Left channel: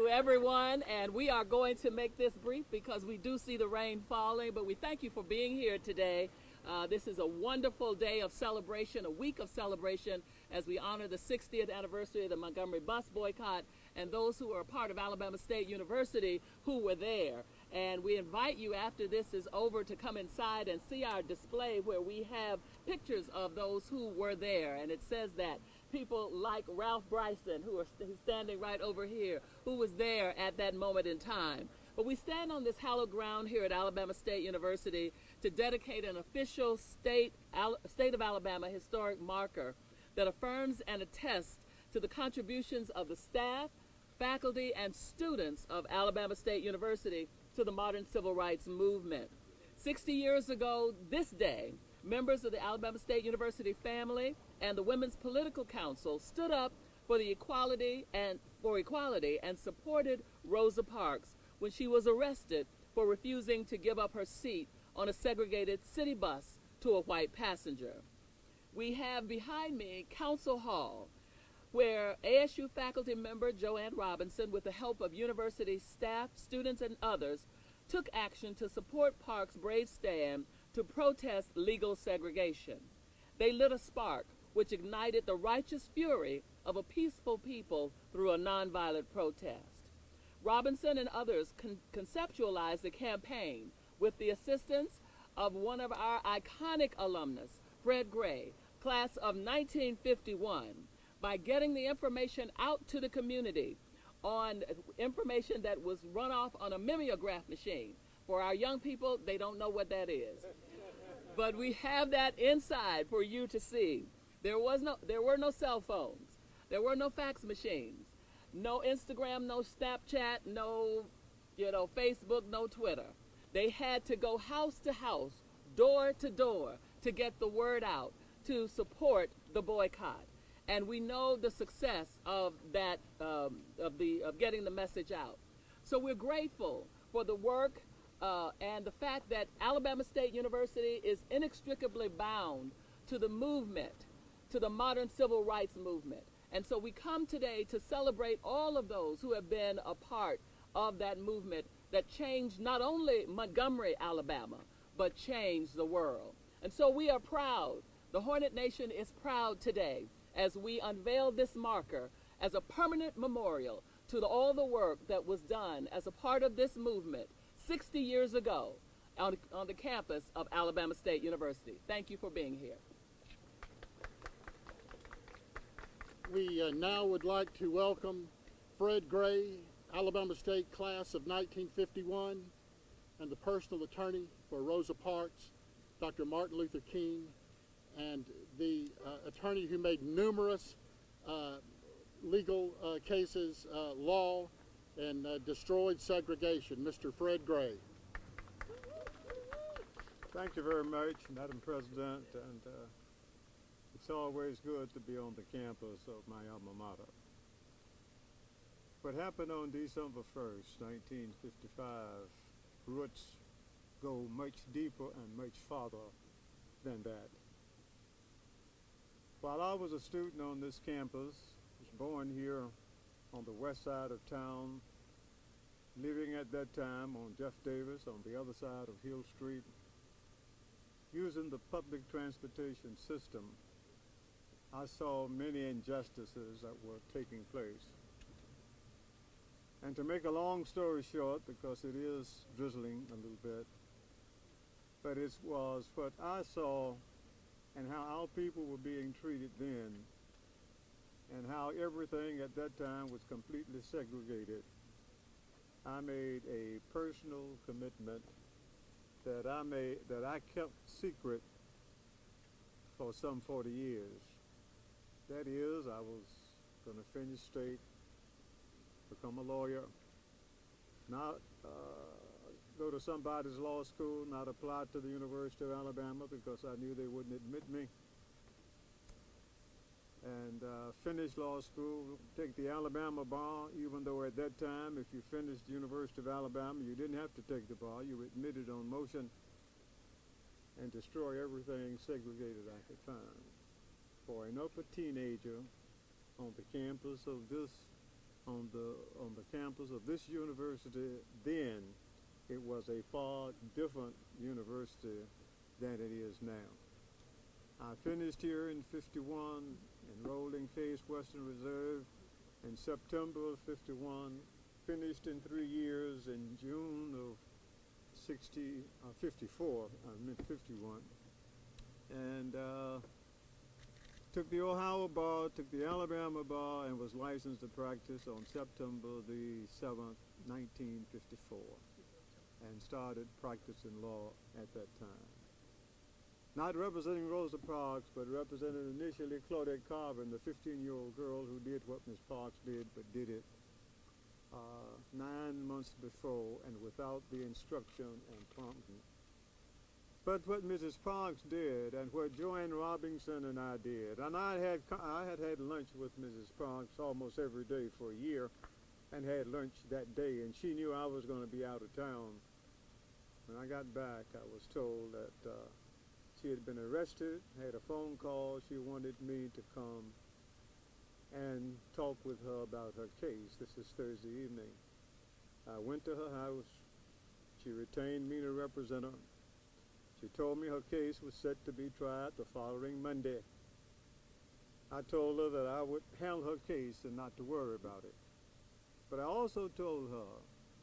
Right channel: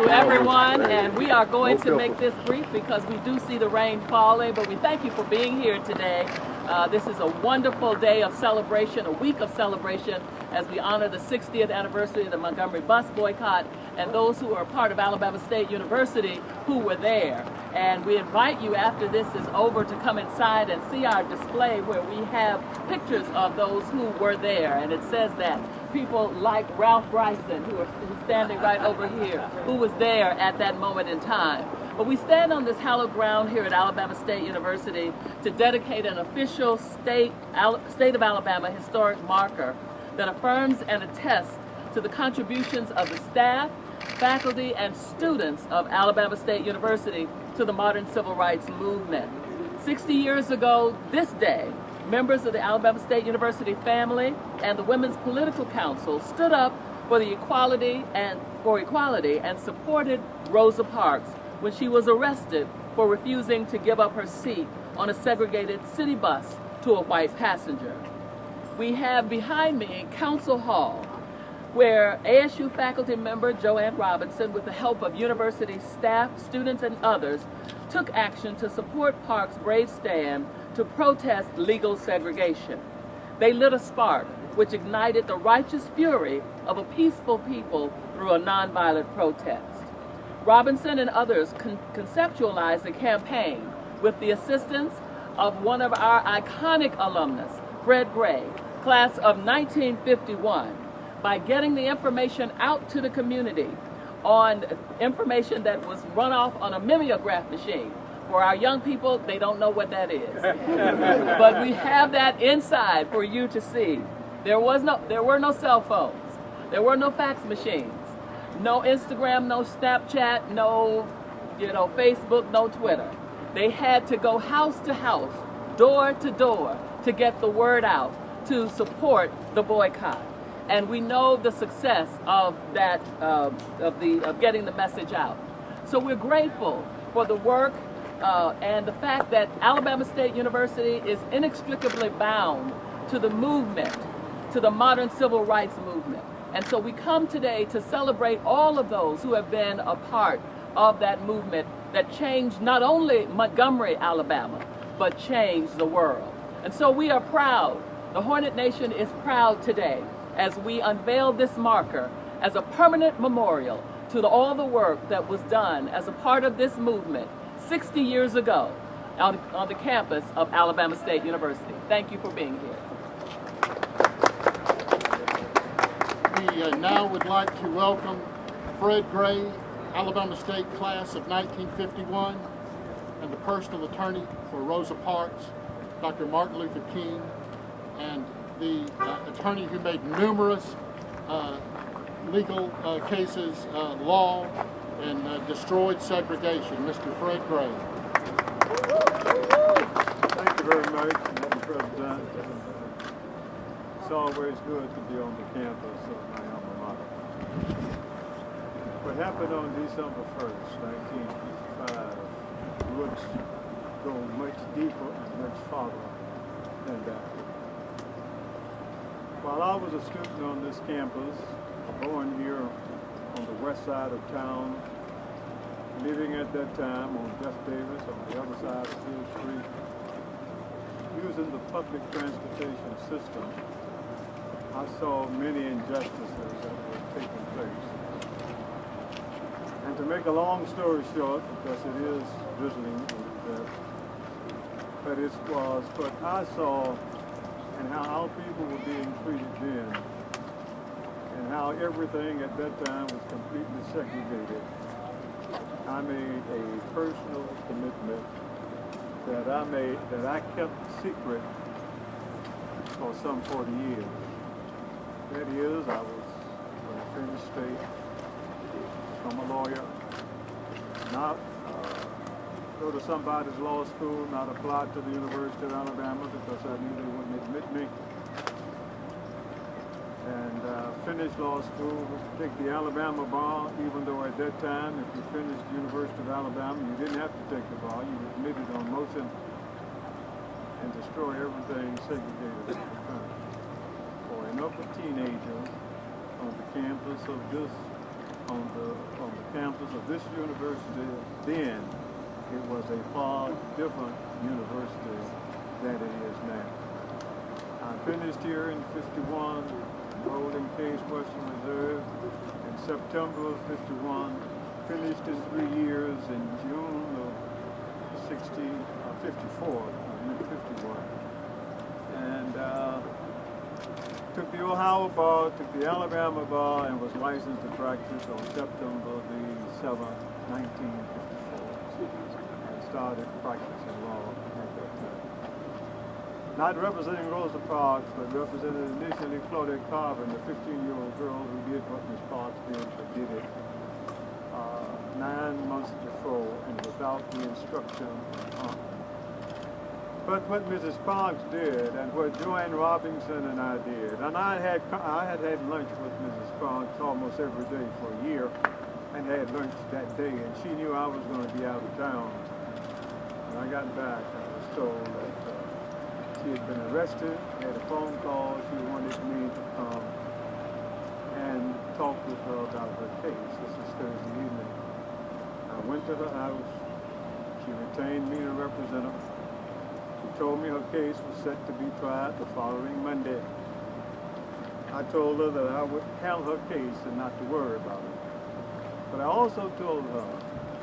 to everyone, and we are going to make this brief because we do see the rain falling, but we thank you for being here today. This is a wonderful day of celebration, a week of celebration, as we honor the 60th anniversary of the Montgomery bus boycott and those who are part of Alabama State University who were there. And we invite you, after this is over, to come inside and see our display where we have pictures of those who were there. And it says that people like Ralph Bryson, who's standing right over here, who was there at that moment in time. But we stand on this hallowed ground here at Alabama State University to dedicate an official state of Alabama historic marker that affirms and attests to the contributions of the staff, faculty, and students of Alabama State University to the modern civil rights movement. 60 years ago this day, members of the Alabama State University family and the Women's Political Council stood up for equality and supported Rosa Parks when she was arrested for refusing to give up her seat on a segregated city bus to a white passenger. We have behind me Council Hall, where ASU faculty member Joanne Robinson, with the help of university staff, students, and others, took action to support Parks' brave stand to protest legal segregation. They lit a spark which ignited the righteous fury of a peaceful people through a nonviolent protest. Robinson and others conceptualized the campaign with the assistance of one of our iconic alumnus, Fred Gray, class of 1951, by getting the information out to the community on information that was run off on a mimeograph machine. For our young people, they don't know what that is. But we have that inside for you to see. There were no cell phones. There were no fax machines. No Instagram, no Snapchat, no Facebook, no Twitter. They had to go house to house, door to door, to get the word out to support the boycott. And we know the success of that, of getting the message out. So we're grateful for the work and the fact that Alabama State University is inextricably bound to the movement, to the modern civil rights movement. And so we come today to celebrate all of those who have been a part of that movement that changed not only Montgomery, Alabama, but changed the world. And so we are proud. The Hornet Nation is proud today as we unveil this marker as a permanent memorial to all the work that was done as a part of this movement 60 years ago on the campus of Alabama State University. Thank you for being here. We now would like to welcome Fred Gray, Alabama State class of 1951, and the personal attorney for Rosa Parks, Dr. Martin Luther King, and the attorney who made numerous legal cases, law, and destroyed segregation, Mr. Fred Gray. Thank you very much, Madam President. It's always good to be on the campus of my alma mater. What happened on December 1st, 1955, roots go much deeper and much farther than that. While I was a student on this campus, born here on the west side of town, living at that time on Jeff Davis on the other side of Hill Street, using the public transportation system, I saw many injustices that were taking place. And to make a long story short, because it is drizzling, but it was what I saw and how our people were being treated then, and how everything at that time was completely segregated. I made a personal commitment that I kept secret for some 40 years. That is, I was going to finish state, become a lawyer, not go to somebody's law school, not apply to the University of Alabama because I knew they wouldn't admit me, and finish law school, take the Alabama bar, even though at that time, if you finished the University of Alabama, you didn't have to take the bar, you were admitted on motion, and destroy everything segregated in the country. An upper teenager on the campus of this, on the campus of this university, then it was a far different university than it is now. I finished here in 51, enrolled in Case Western Reserve in September of 51, finished in 3 years in June of 54, I meant 51. And took the Ohio bar, took the Alabama bar, and was licensed to practice on September the 7th, 1954, and started practicing law at that time. Not representing Rosa Parks, but represented initially Claudette Carver, the 15-year-old girl who did what Miss Parks did, but did it 9 months before and without the instruction of But what Mrs. Parks did, and what Joanne Robinson and I did, and I had lunch with Mrs. Parks almost every day for a year, and had lunch that day, and she knew I was going to be out of town. When I got back, I was told that she had been arrested, had a phone call, she wanted me to come and talk with her about her case. This is Thursday evening. I went to her house, she retained me to represent her. She told me her case was set to be tried the following Monday. I told her that I would handle her case and not to worry about it. But I also told her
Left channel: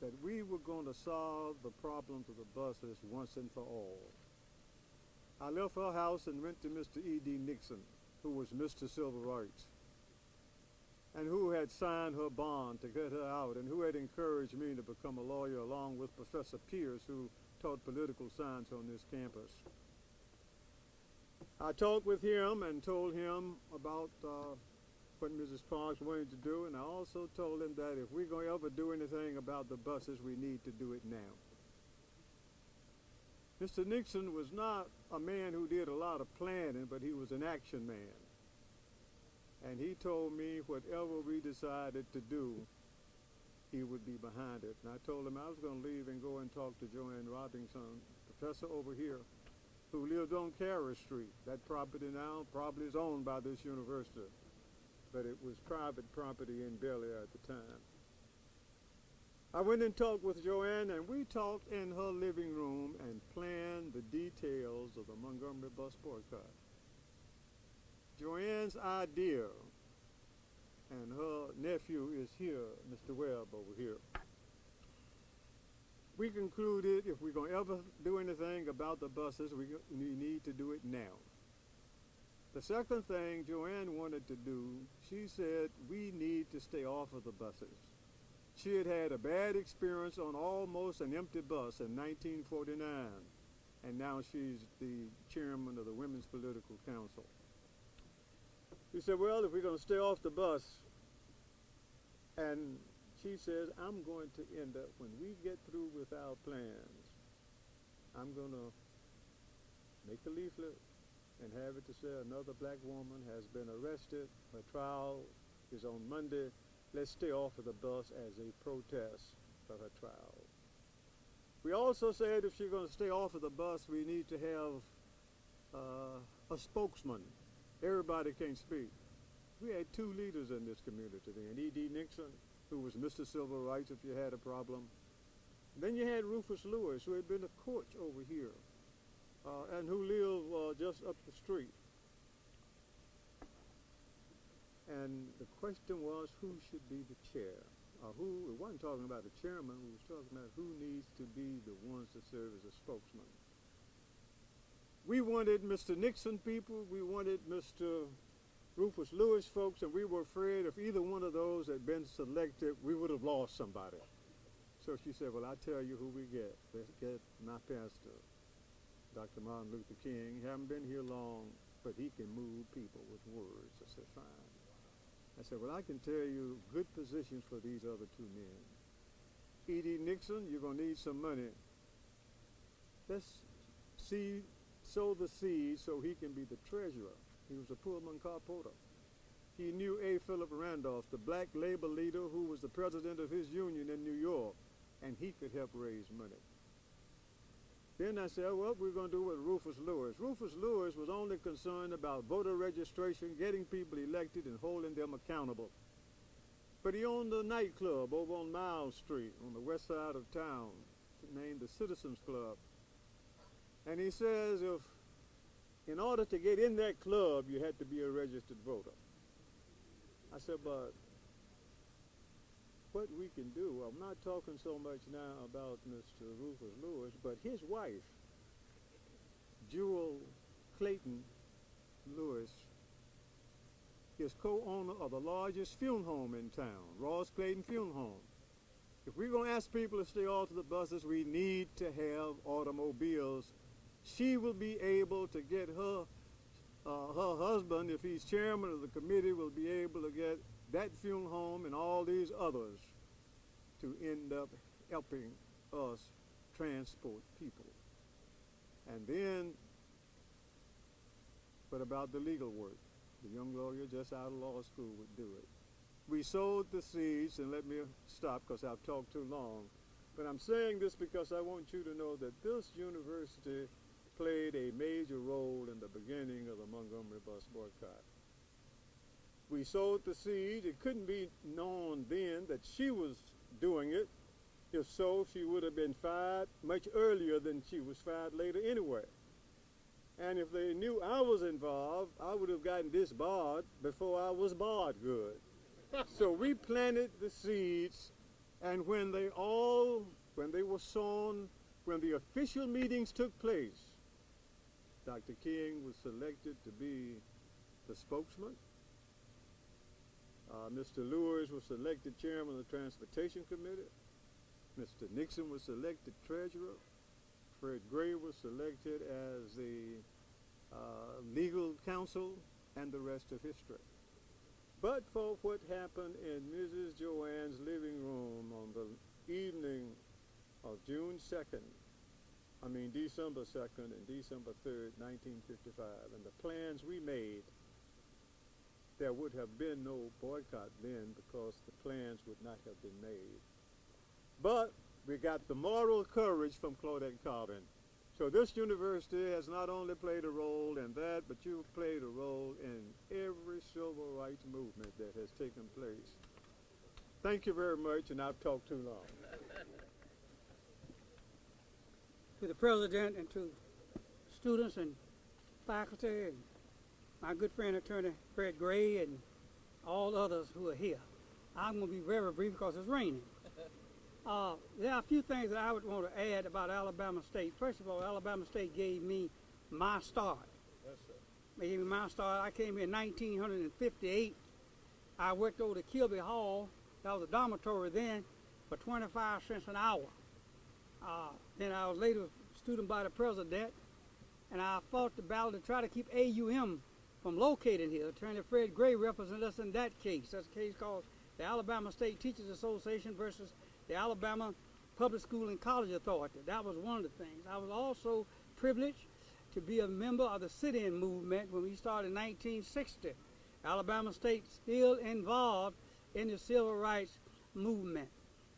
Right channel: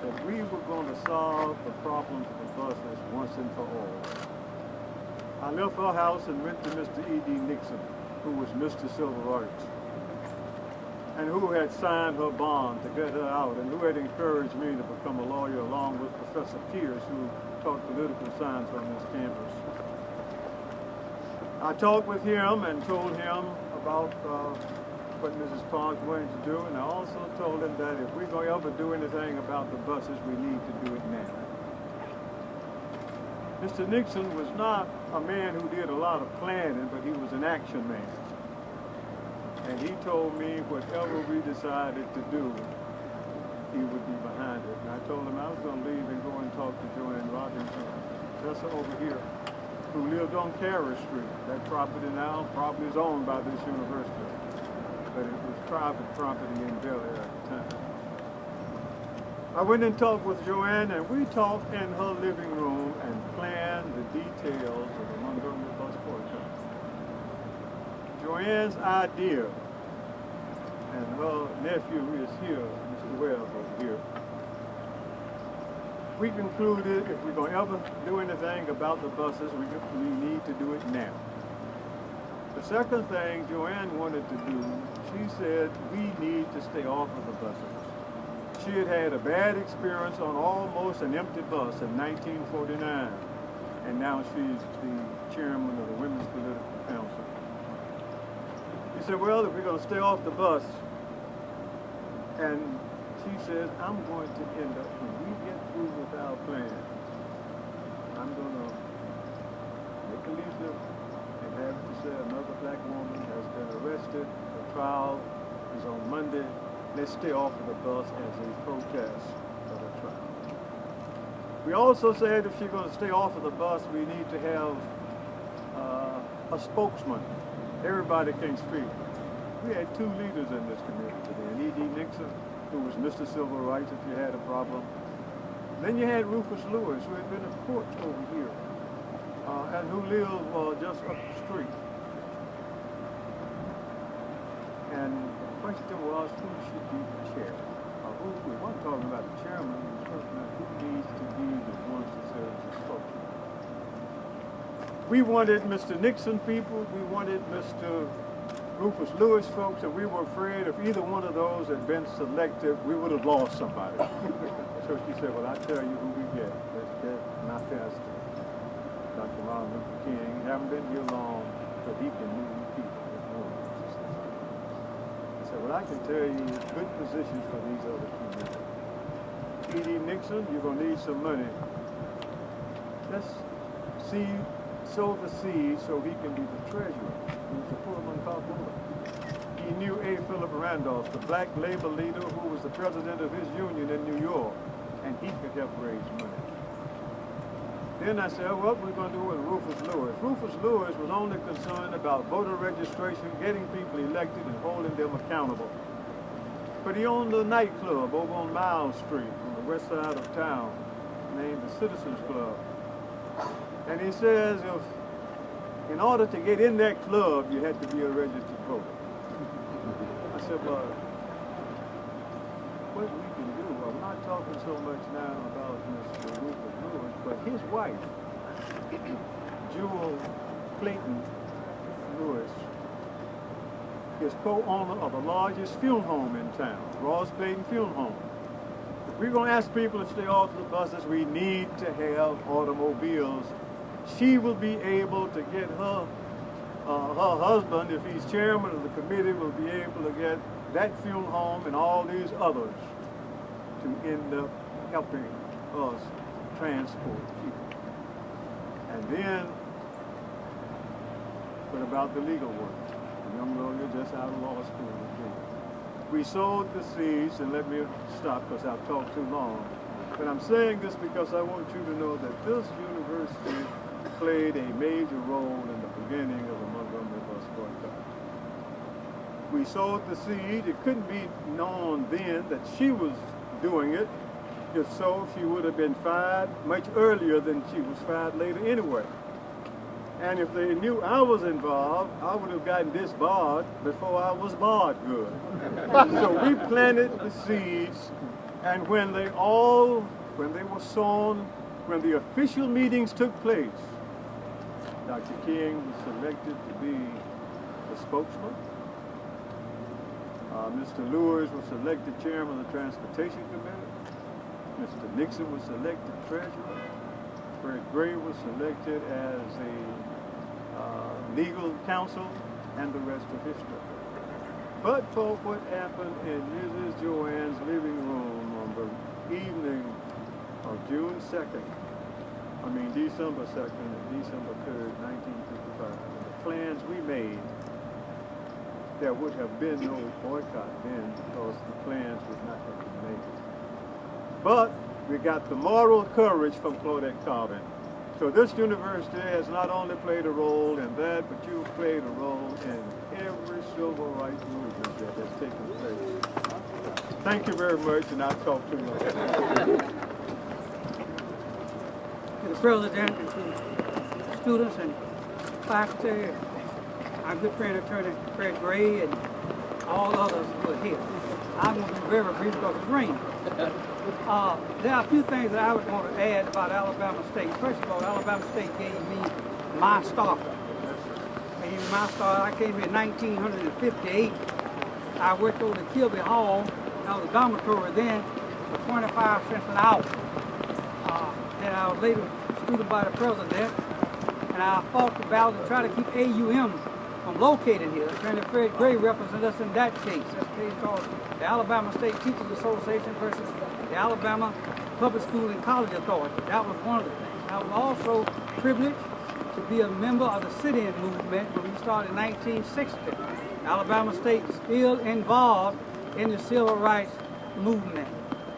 that we were going to solve the problem of the buses once and for all. I left her house and went to Mr. E.D. Nixon, who was Mr. Civil Rights, and who had signed her bond to get her out, and who had encouraged me to become a lawyer along with Professor Pierce, who taught political science on this campus. I talked with him and told him about what Mrs. Parks wanted to do, and I also told him that if we're going to ever do anything about the buses, we need to do it now. Mr. Nixon was not a man who did a lot of planning, but he was an action man. And he told me whatever we decided to do, he would be behind it. And I told him I was going to leave and go and talk to Joanne Robinson, professor over here, who lived on Carey Street. That property now probably is owned by this university, but it was private property in Bel Air at the time. I went and talked with Joanne, and we talked in her living room and planned the details of the Montgomery bus boycott. Joanne's idea, and her nephew is here, Mr. Webb over here. We concluded if we're going to ever do anything about the buses, we need to do it now. The second thing Joanne wanted to do, she said we need to stay off of the buses. She had had a bad experience on almost an empty bus in 1949, and now she's the chairman of the Women's Political Council. She said, well, if we're going to stay off the bus, and she says, I'm going to end up, when we get through with our plan, I'm going to make a leaflet and have it to say another black woman has been arrested. The trial is on Monday. Let's stay off of the bus as a protest for the trial. We also said if she's going to stay off of the bus, we need to have a spokesman. Everybody can speak. We had two leaders in this community today, E.D. Nixon, who was Mr. Civil Rights if you had a problem. Then you had Rufus Lewis, who had been a court over here, and who lived just up the street. And the question was, who should be the chair? We weren't talking about the chairman, we were talking about who needs to be the one to serve as a spokesman. We wanted Mr. Nixon people, we wanted Mr. Rufus Lewis folks, and we were afraid if either one of those had been selected, we would have lost somebody. So she said, well, I'll tell you who we get. Let's get my pastor, Dr. Martin Luther King. He hasn't been here long, but he can move people. I said, well, I can tell you good positions for these other two men. E.D. Nixon, you're going to need some money. Let's sow the seed so he can be the treasurer. He was a Pullman carpenter. He knew A. Philip Randolph, the black labor leader who was the president of his union in New York, and he could help raise money. Then I said, what we're going to do with Rufus Lewis. Rufus Lewis was only concerned about voter registration, getting people elected, and holding them accountable. But he owned a nightclub over on Miles Street on the west side of town named the Citizens Club. And he says if in order to get in that club, you had to be a registered voter. I said, well, what we can do, I'm not talking so much now about Mr. Rupert Lewis, but his wife, Jewel Clayton Lewis, is co-owner of the largest funeral home in town, Ross Clayton Funeral Home. If we're going to ask people to stay off the buses, we need to have automobiles. She will be able to get her husband, if he's chairman of the committee, will be able to get that funeral home and all these others to end up helping us transport people. And then, what about the legal work? A young lawyer just out of law school. We sowed the seeds, and let me stop because I've talked too long. But I'm saying this because I want you to know that this university played a major role in the beginning of the Montgomery bus boycott. We sowed the seed. It couldn't be known then that she was doing it. If so, she would have been fired much earlier than she was fired later anyway. And if they knew I was involved, I would have gotten disbarred before I was barred good. So we planted the seeds, and when they were sown, when the official meetings took place, Dr. King was selected to be the spokesman. Mr. Lewis was selected chairman of the Transportation Committee. Mr. Nixon was selected treasurer. Fred Gray was selected as a legal counsel, and the rest of history. But for what happened in Mrs. Joanne's living room on the evening of December 2nd and December 3rd, 1955, and the plans we made, there would have been no boycott then because the plans would not have been made. But we got the moral courage from Claudette Colvin. So this university has not only played a role in that, but you've played a role in every civil rights movement that has taken place. Thank you very much, and I'll talk to you. To the president, and to students and faculty, our good friend Attorney Fred Gray, and all others who are here. I'm going to be very brief because it's raining. There are a few things that I would want to add about Alabama State. First of all, Alabama State gave me my start. Gave me my start. I came here in 1958. I worked over at Kilby Hall. I was a dormitory then for 25 cents an hour. Then I was later student by the president, and I fought the battle to try to keep AUM from locating here. Attorney Fred Gray represented us in that case. That's a case called the Alabama State Teachers Association versus the Alabama Public School and College Authority. That was one of the things. I was also privileged to be a member of the sit-in movement when we started in 1960. Alabama State is still involved in the civil rights movement.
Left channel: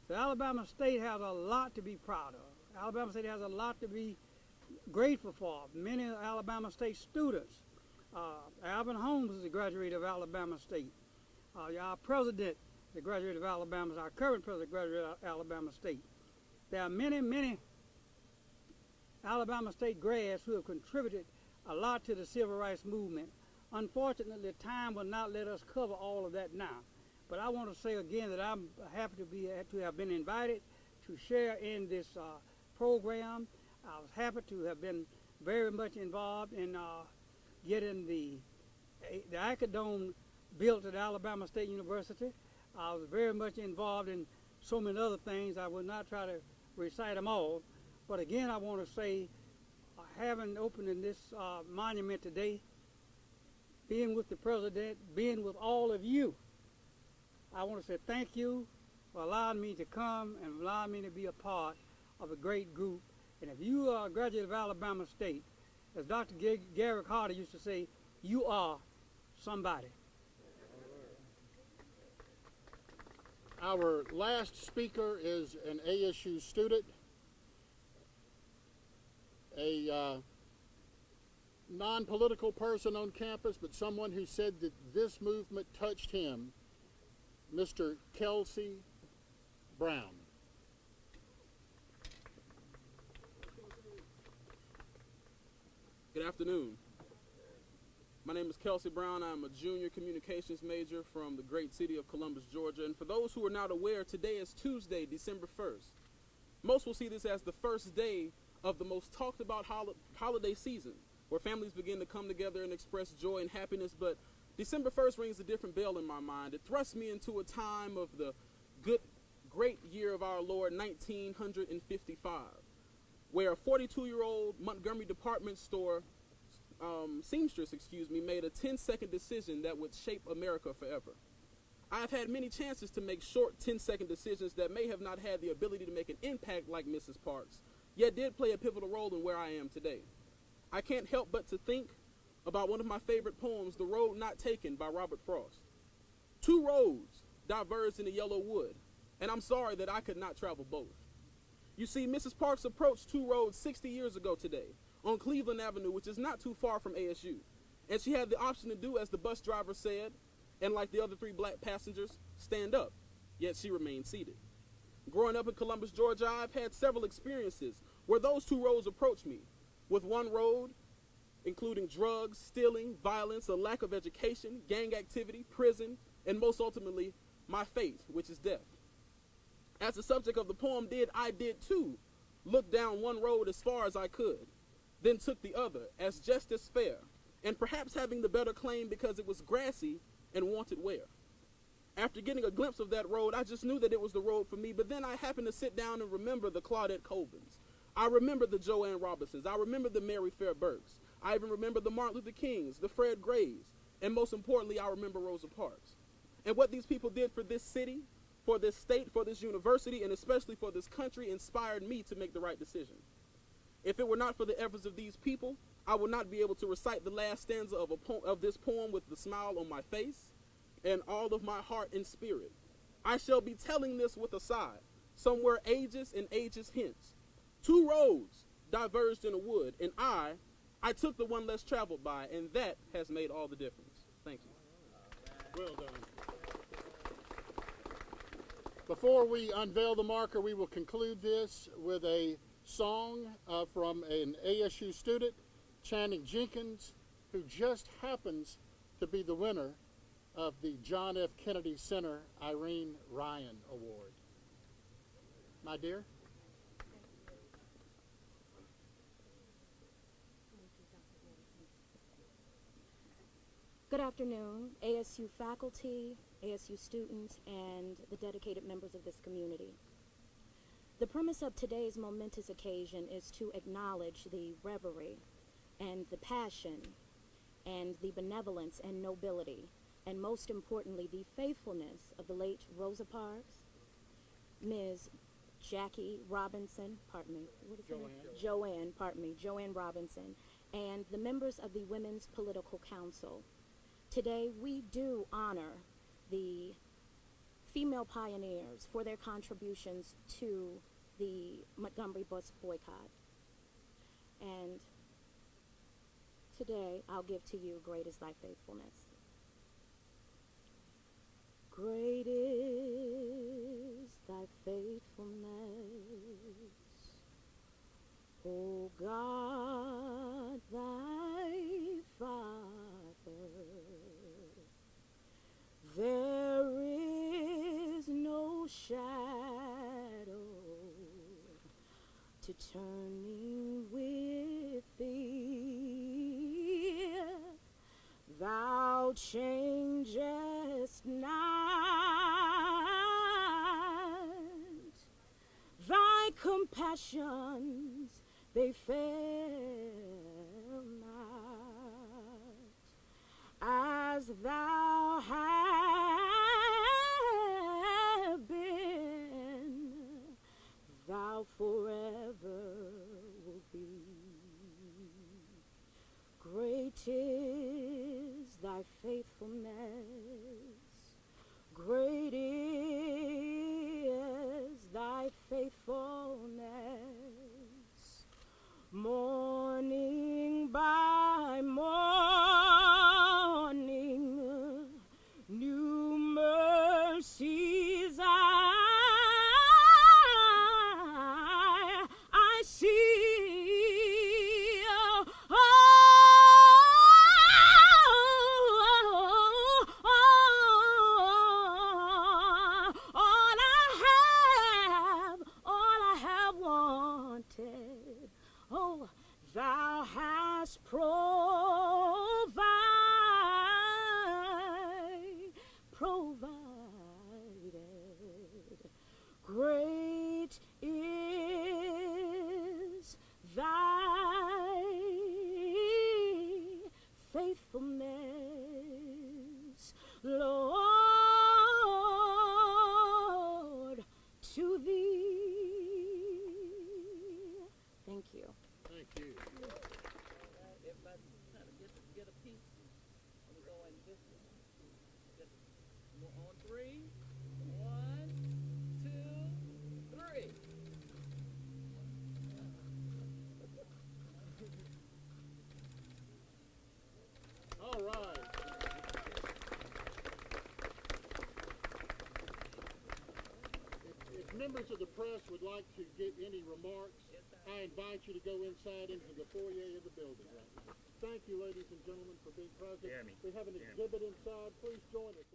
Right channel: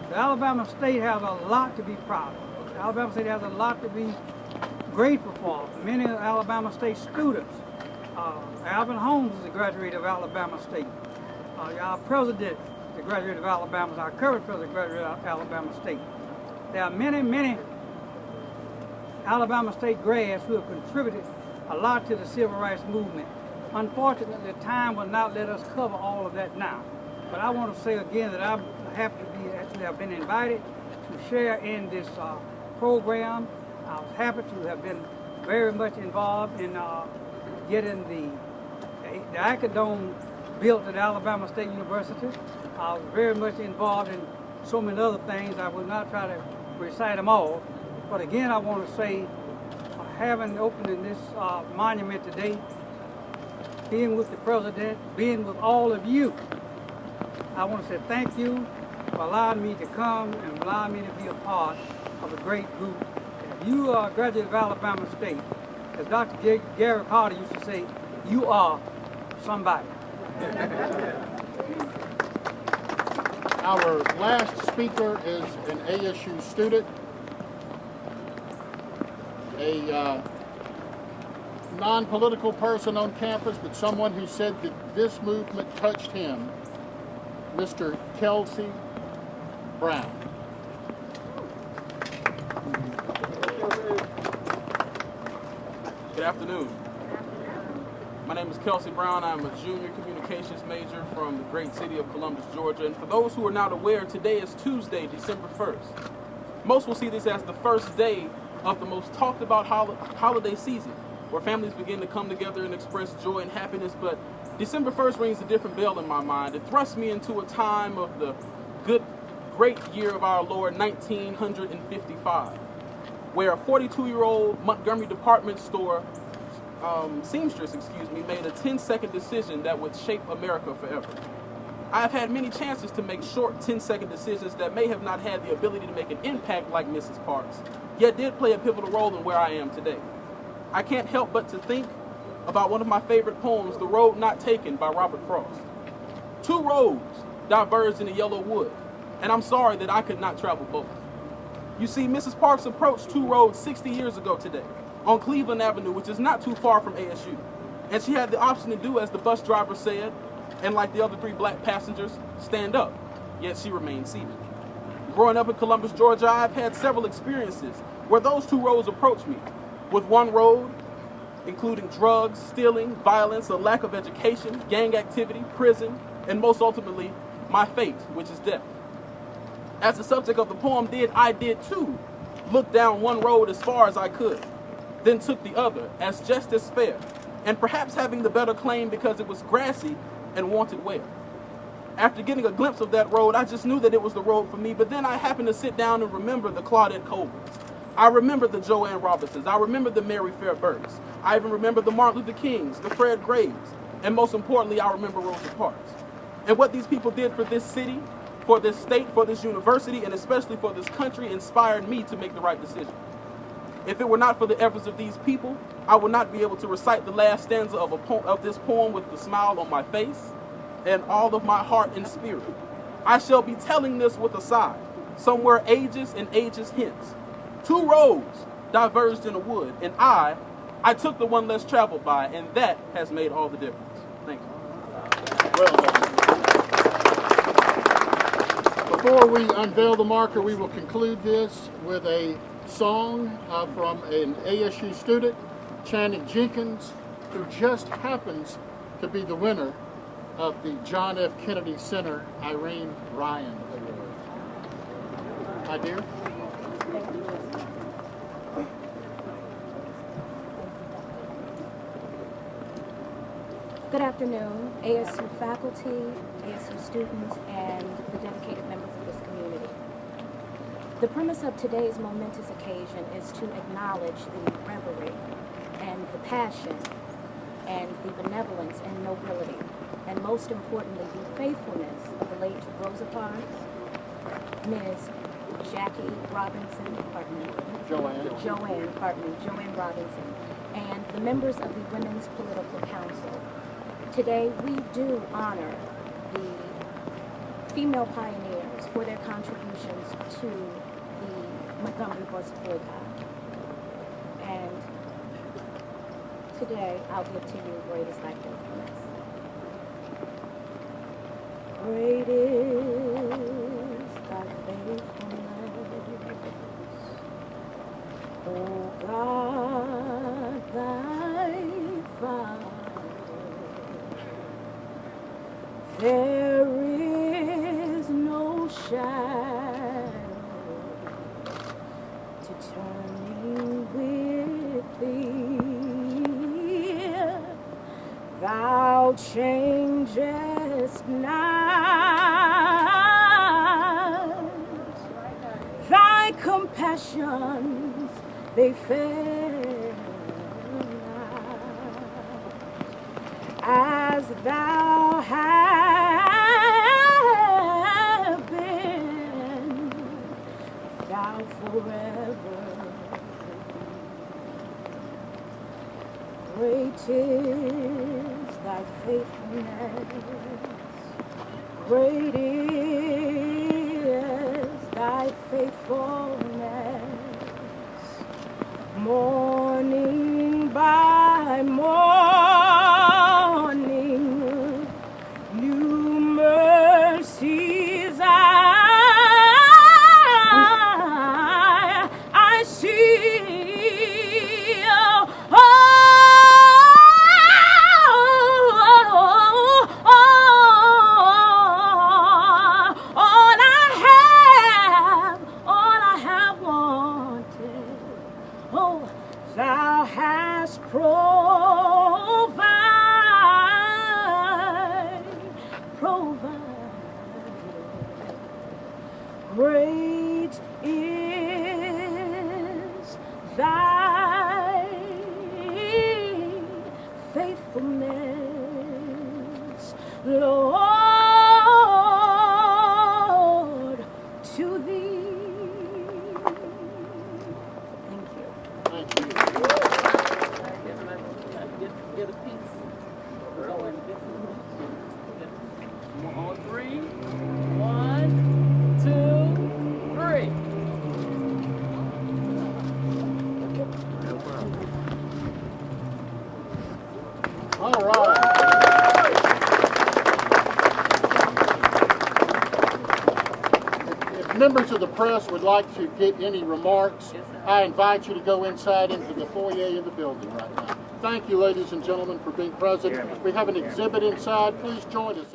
So Alabama State has a lot to be proud of. Alabama State has a lot to be grateful for. Many of Alabama State students. Alvin Holmes is a graduate of Alabama State. Our president is a graduate of Alabama. Our current president is a graduate of Alabama State. There are many, many Alabama State grads who have contributed a lot to the civil rights movement. Unfortunately, time will not let us cover all of that now. But I want to say again that I'm happy to have been invited to share in this program. I was happy to have been very much involved in getting the Acadome built at Alabama State University. I was very much involved in so many other things. I will not try to recite them all. But again, I want to say, having opened in this monument today, being with the president, being with all of you, I want to say thank you for allowing me to come and allowing me to be a part of a great group. And if you are a graduate of Alabama State, as Dr. Gary Carter used to say, you are somebody. Our last speaker is an ASU student, a non-political person on campus, but someone who said that this movement touched him Mr. Kelsey Brown. Good afternoon. My name is Kelsey Brown. I'm a junior communications major from the great city of Columbus, Georgia. And for those who are not aware, today is Tuesday, December 1st. Most will see this as the first day of the most talked about holiday season, where families begin to come together and express joy and happiness. But December 1st rings a different bell in my mind. It thrusts me into a time of the great year of our Lord, 1955, where a 42-year-old Montgomery department store seamstress, made a 10-second decision that would shape America forever. I have had many chances to make short 10-second decisions that may have not had the ability to make an impact like Mrs. Parks, yet did play a pivotal role in where I am today. I can't help but to think about one of my favorite poems, The Road Not Taken by Robert Frost. Two roads diverged in the yellow wood, and I'm sorry that I could not travel both. You see, Mrs. Parks approached two roads 60 years ago today, on Cleveland Avenue, which is not too far from ASU. And she had the option to do as the bus driver said, and like the other three black passengers, stand up, yet she remained seated. Growing up in Columbus, Georgia, I've had several experiences where those two roads approached me, with one road including drugs, stealing, violence, a lack of education, gang activity, prison, and most ultimately, my fate, which is death. As the subject of the poem did, I did too look down one road as far as I could, then took the other as just as fair, and perhaps having the better claim because it was grassy and wanted wear. After getting a glimpse of that road, I just knew that it was the road for me, but then I happened to sit down and remember the Claudette Colverts. I remember the Joanne Robinsons. I remember the Mary Fairburns. I even remember the Martin Luther Kings, the Fred Graves, and most importantly, I remember Rosa Parks. And what these people did for this city, for this state, for this university, and especially for this country inspired me to make the right decision. If it were not for the efforts of these people, I would not be able to recite the last stanza of this poem with the smile on my face and all of my heart and spirit. I shall be telling this with a sigh, somewhere ages and ages hence. Two roads diverged in a wood, and I took the one less traveled by, and that has made all the difference. Thank you. Well done. Before we unveil the marker, we will conclude this with a song from an ASU student, Channing Jenkins, who just happens to be the winner of the John F. Kennedy Center Irene Ryan Award. My dear. Good afternoon, ASU faculty, ASU students, and the dedicated members of this community. The premise of today's momentous occasion is to acknowledge the reverie and the passion and the benevolence and nobility, and most importantly, the faithfulness of the late Rosa Parks, Ms. Joanne Robinson, and the members of the Women's Political Council. Today, we do honor the female pioneers for their contributions to the Montgomery bus boycott. And today, I'll give to you Great is Thy Faithfulness. Great is Thy faithfulness, O God, Thy Father. There is no shadow to turning with Thee. Thou changest not. Thy compassions, they fail not. As Thou hast been, Thou forever. Great is Thy faithfulness. Great is Thy faithfulness. Morning by morning, new mercy Great is thy faithfulness, Lord, to thee. Thank you. Thank you. Get a piece. Go and get some. On three. 1, 2, 3. All right. If members of the press would like to get any remarks, I invite you to go inside into the foyer of the building right now. Thank you, ladies and gentlemen, for being present. We have an exhibit inside. Please join us.